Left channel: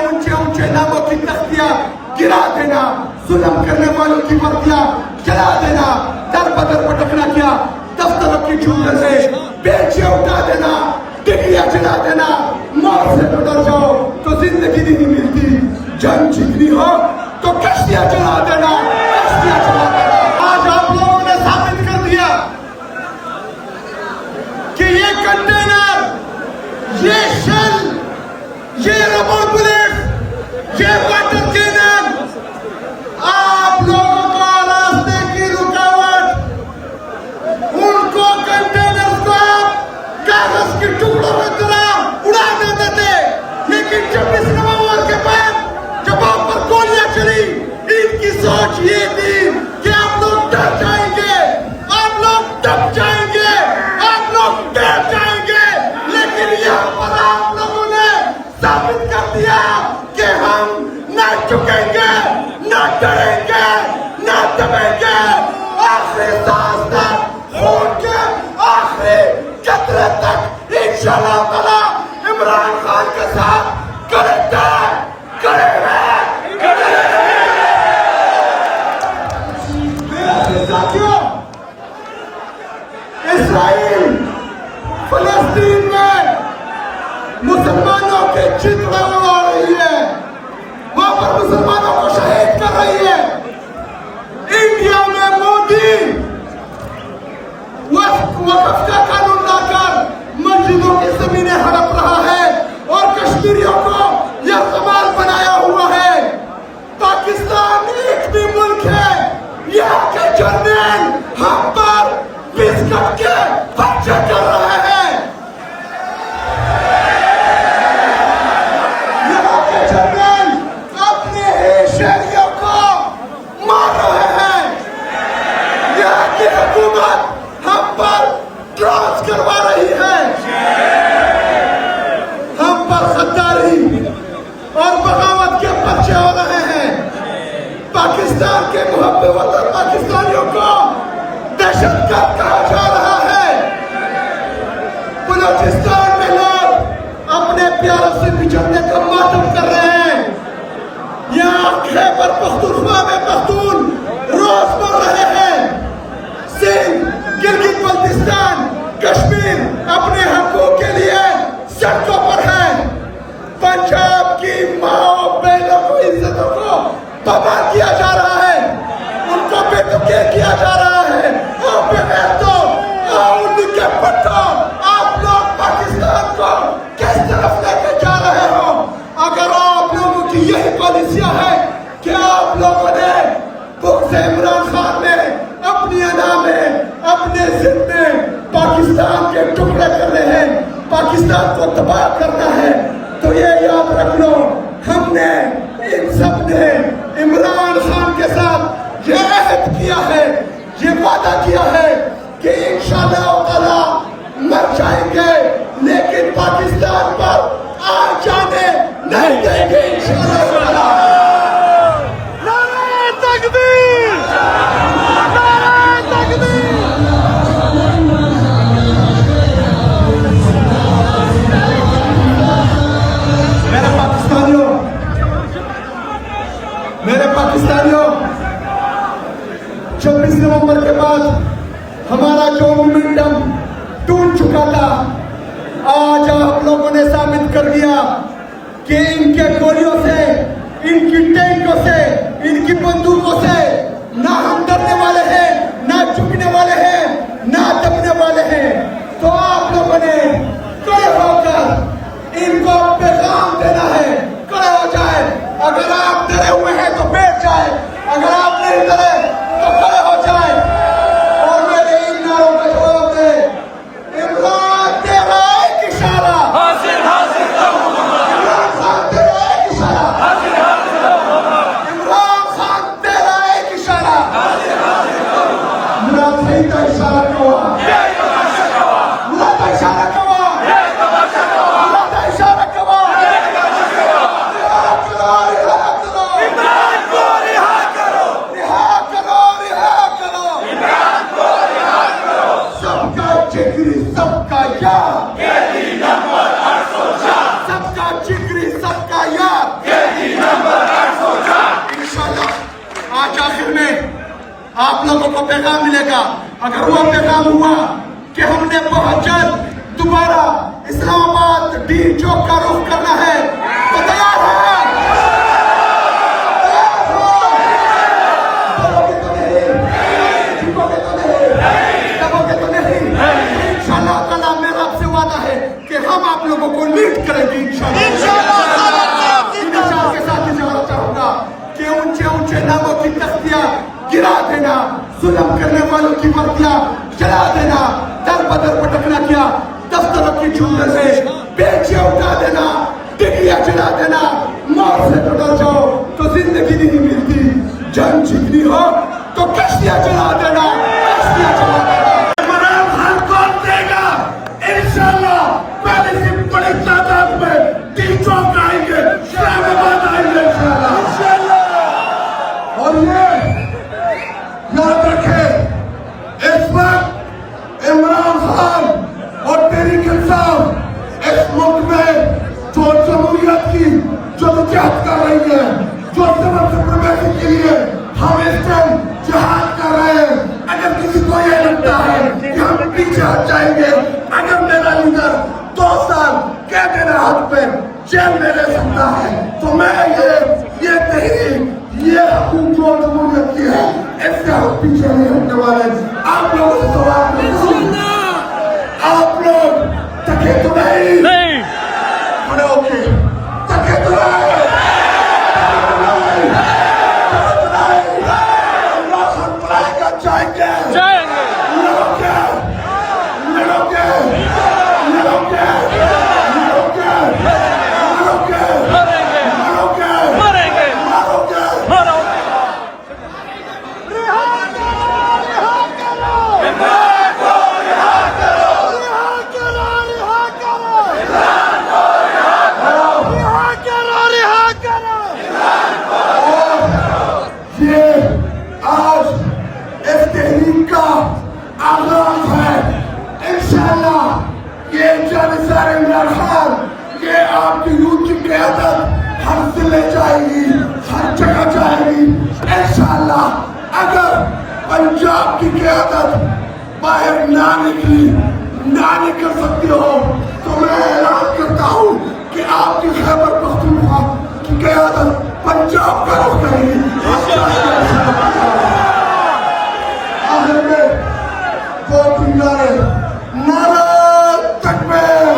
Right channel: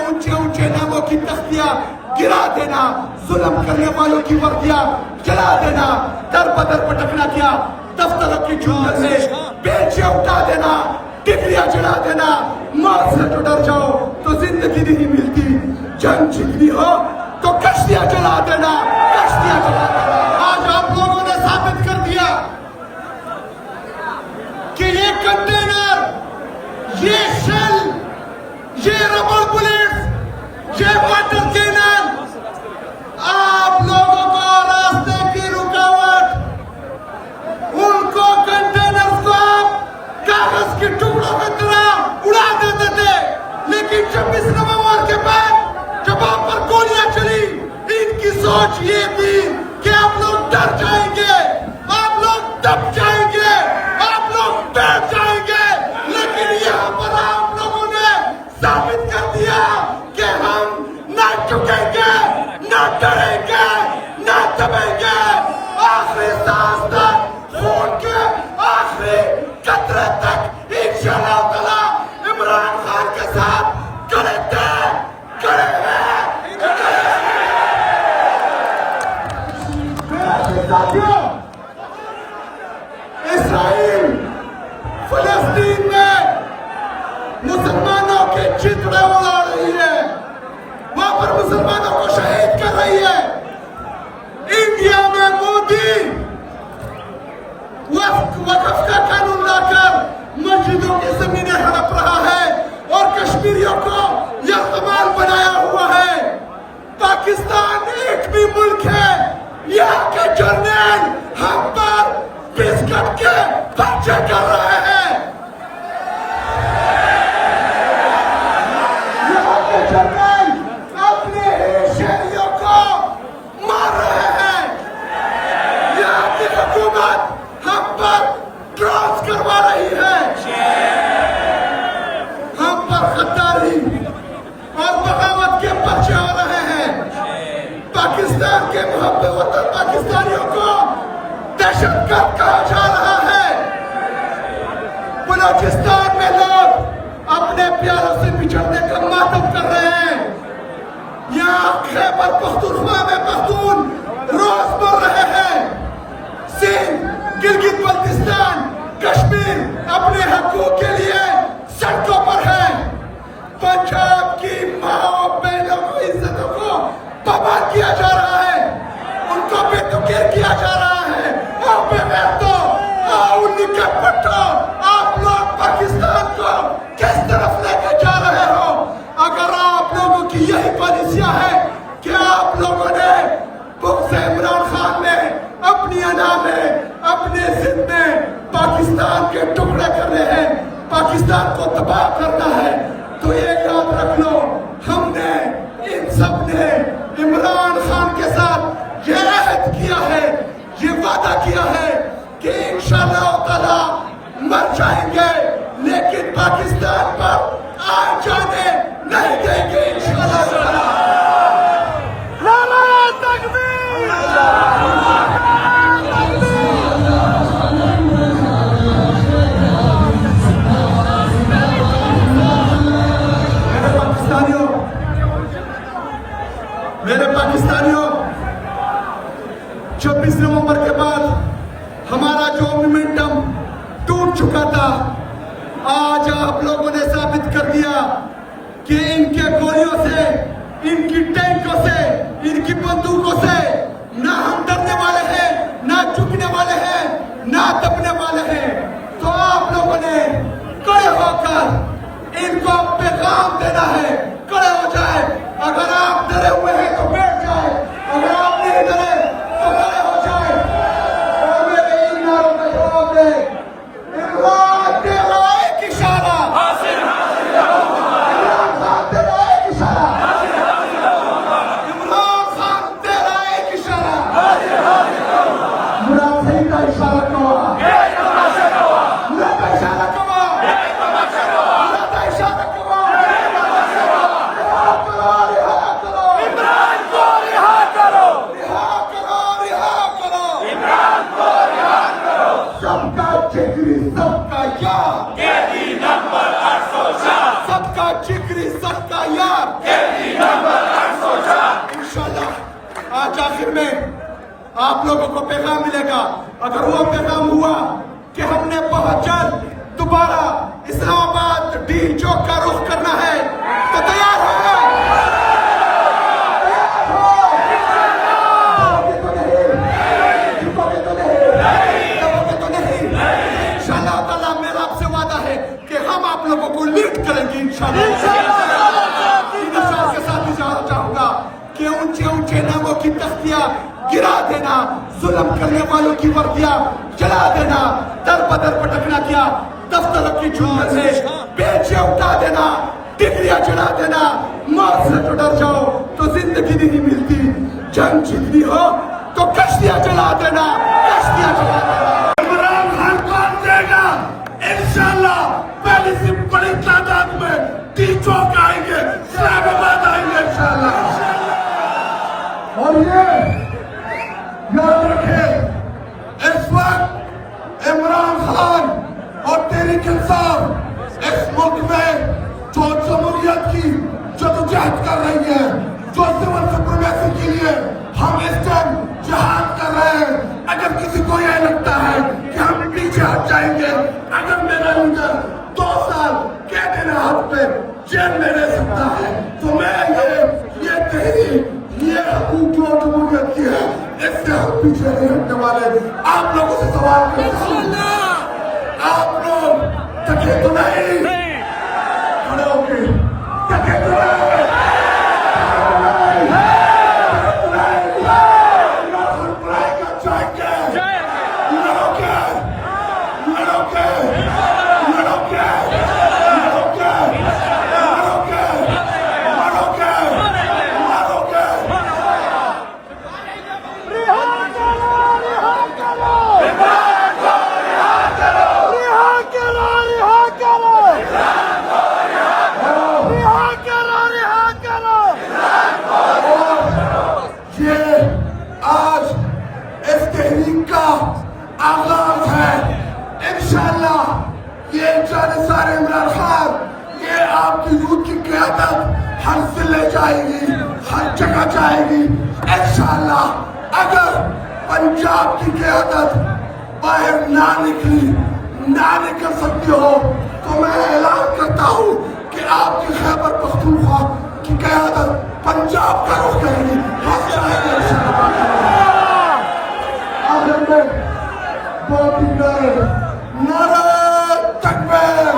ऊंचे ऊंचे नामों की तख्तियां गिरा देना, जुल्म करने वालों की वर्दियां जला देना, दर बदर भटकना क्या, दफ्तरों की चूंगल से बेंचें उठा देना, डिग्रियां जला देना, मौत से तो डर जाओ तो जिंदगी नहीं मिलती, जंग जीतनी हो तो कश्तियां जला देना, कश्तियां जला देना। आज आप लोगों ने साबित कर दिया कि ये कंटेनर, ये शेल, ये रबर बुलेट, ये वाटर कैनन आप लोगों को रास्ते की रुकावट, उनको कंटेनर को कागज के टुकड़ों की तरह उड़ा कर देते। लेकिन 26 नवंबर के बाद जब आप पर गोलियां चली, इनकी सोच ये थी कि आप लोग डर जाएंगे, आप लोग दब जाएंगे, आप लोग डर जाएंगे। लेकिन यहाँ पर आप लोगों ने साबित कर दिया कि हम न झुकेंगे, न डरेंगे, न दबेंगे। आखिरी सांस तक, खून के आखिरी कतरे तक इंशाअल्लाह ताला इमरान खान के साथ करेंगे, करेंगे। साथियों, इस्राइल फलस्तीन में मुसलमानों के चित्र उड़ा रही है, वहां पर मुसलमानों को शहीद कर रही है। इंडिया में मोदी वक्फ का कानून लाकर मस्जिदों की जमीनें हड़प रहा है और कश्मीरियों को यह कमाल बनाया हुआ है। पाकिस्तान एक भी मुल्क है, यहाँ के जनरल हम पर बिस्कट के बच्चे कर रहे हैं। यहाँ के जनरल अपने ही शहरियों को मार रहे हैं। यहाँ की हुकूमत हम पर क्रॉस करवा रही है, हम पर गद्दारी और बगावत के पर्चे हो रहे हैं। पाकिस्तान के मुहब्बत वतन पाकिस्तानियों को दहशतगर्द कहा जा रहा है। बलूचिस्तान में लोग अपने प्यारों से बिछड़ने का मातम कर रहे हैं। यहाँ खैबर पख्तूनख्वा में पख्तून रोज मर रहे हैं। सिंध, गिलगित बल्तिस्तान, कश्मीर अपने हकों के लिए सड़कों पर है। पंजाब की माँ बहनों को, इज्जतों को बर्बाद किया जा रहा है, उनको बेतुके किया जा रहा है। और तो उनके पट्टों आप लोग पाकिस्तान को किस तरफ लेकर जा रहे हो? अगर आप लोगों की यही पॉलिसियां है कि आप लोगों ने बुग़्ज़ इमरान खान में अपनी अदा में, अपने जिद में पाकिस्तान के टुकड़े करने हैं, पाकिस्तान को तबाह करना है, तो ये याद रख लो, हमने इन सब ने इमरान खान के साथ ये अहद किया है, ये वादा किया है कि इंशाअल्लाह ताला मर जाएंगे लेकिन पाकिस्तान पर आ जाने नहीं देंगे इंशाअल्लाह ताला। नारे तकबीर, नारे तकबीर। मेरे पाकिस्तानियों, 26 नवंबर के बाद हमारा जो मोमेंटम टूट चुका था, आज आप लोगों ने साबित कर दिया कि इनके गोलियों से, इनकी टैंकों से, इनकी बंदूकों से ना हम डरने वाले हैं, ना झुकने वाले हैं, ना दबने वाले हैं। तो आप लोगों ने खड़े होकर इनको पैगाम देना है, खड़े हो जाए। अगर आप डरे हुए हैं तो बैठ जाए, अगर आप नहीं डरे तो खड़े हो जाए और मेरे इन नारों का जवाब दे। इमरान तेरा एक इशारा, हासिल हासिल इमरान खान तेरा एक इशारा, हासिल हासिल इमरान खान तेरा एक इशारा, हासिल हासिल मुनाफिक का इशारा कवा, यही तमाशा कवा, मुनाफिक का इशारा कवा, यही तमाशा कवा, मुनाफिक का इशारा कवा, यही तमाशा कवा। आप लोगों को पैगाम मिलेगा। अगर वो पैगाम हुआ कि हमने बहुत जल्द दोबारा इस्लामाबाद डीन चौक का रुख करना है तो तैयार है। इंशाअल्लाह ताला मेरा आपसे वादा है कि हम आप लोगों को लीड करेंगे इंशाअल्लाह। के साथ भी जाना चाहूंगा कि ऊंचे ऊंचे नामों की तख्तियां गिरा देना, जुल्म करने वालों की वर्दियां जला देना, दर बदर पटकना किया, दफ्तरों की चूल्हे से बेंचियां उठा देना, डिग्रियां जला देना, मौत से तो डर जाओ तो जिंदगी नहीं मिलती, जंग जीतनी हो तो कश्तियां जला देना, कश्तियां जला देना। इमरान खान कौन देगा? इंशाअल्लाह पहले से बड़ी तादाद में डीन चौक आएंगे, इस्लामाबाद आएंगे इंशाअल्लाह। और ये याद रखें, इस वक्त इमरान खान और तहरीक इंसाफ इस मुल्क में जो जमहूरियत की जदोजहद कर रही है, जो सिविल सुप्रीमेसी के लिए हम इस टाइम जिहाद कर रहे हैं। अगर किसी को यह लगता है कि हम पीछे हट जाएंगे, अगर मेरा लीडर 2 साल कैद के हाथ पे जेल में रह सकता है तो मैं ये कहीं ये अपनी जो जमहूरियत की है इससे हम पीछे नहीं हटने वाले। आप लोगों से सवाल करें, आप लोग तके तो नहीं खड़े होके तके तो नहीं आगाज है। इंशाअल्लाह ये जानिसार इमरान खान ये आपकी यूथ की क़यादत हर जिले जाएगी, हर जगह जाएगी इंशाअल्लाह। अगर पंजाब की क़यादत बाहर ना निकल सकती हो तो मैं ऐलान करता हूँ कि आपकी खैबर पख्तूनख्वा की क़यादत पंजाब का रुख करेगी। नारा तकबीर,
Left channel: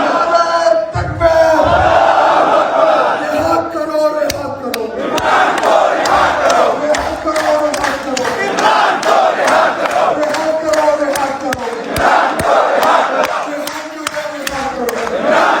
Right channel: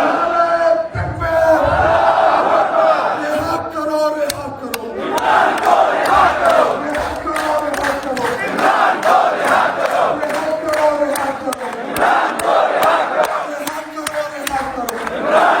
नारा तकबीर, रिहा करो, रिहा करो, रिहा करो, रिहा करो, रिहा करो, रिहा करो, रिहा करो, रिहा करो, रिहा करो, रिहा करो, रिहा करो, रिहा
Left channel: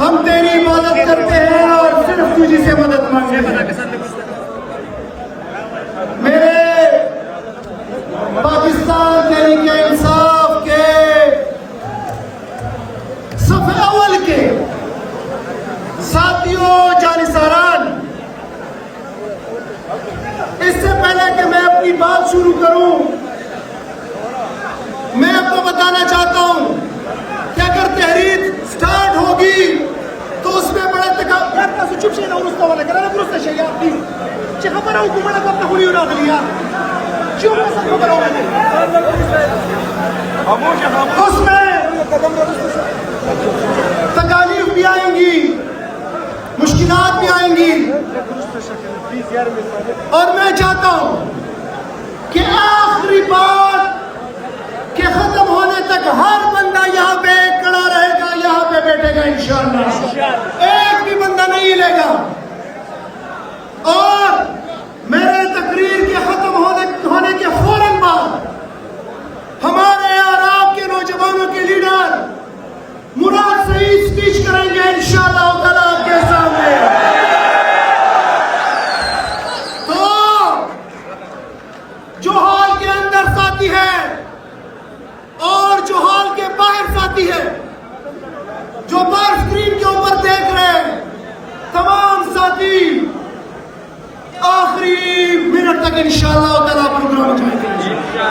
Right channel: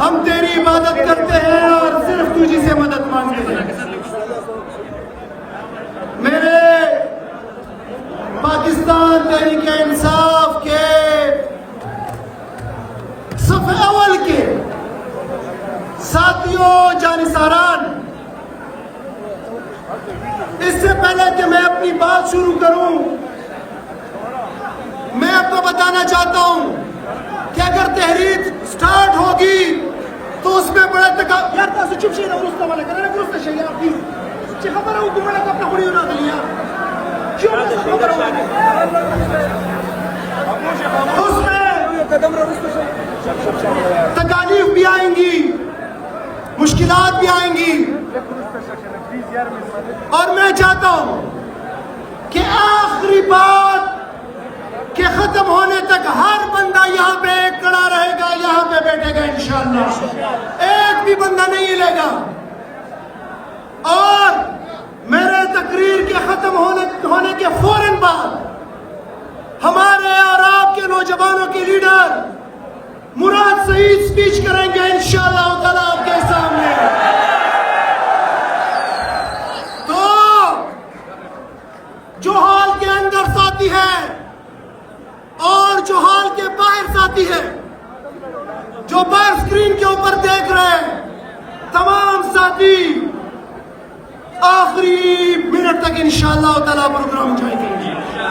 हम तेरी इबादत करते हैं और सिर्फ तुझी से मदद मांगते हैं। मेरे पाकिस्तान तहरीक इंसाफ के सफ़े अव्वल के साथियों जानिसारान, इससे पहले कि मैं अपनी बात शुरू करूं मैं आपको बताना चाहता हूं कि अगर तहरीक स्टार्ट होगी तो उसमें बड़ा तकालीफ भी आएंगी, मुश्किलात भी आएंगी और मैं चाहता हूं कि आखिरी बात के खत्म होने तक हर बंदा यहाँ पे खड़ा रहेगा, यहाँ पे बैठेगा इंशाअल्लाह, एक भी बंदा नहीं हिलेगा। और मेरे तकरीर के खत्म होने के फौरन बाद हमारे और आपके नौजवानों के लीडर मुराद सईद स्पीच करेंगे इंशाअल्लाह ताला आपके सामने। तो जो हॉल के अंदर साथी है और जो हॉल के बाहर साथी है, जो बाहर स्क्रीन के ऊपर देख रहे हैं, तमाम साथी आखिरी मिनट तक इंशाअल्लाह ताला प्रोग्राम एंजॉय करेंगे।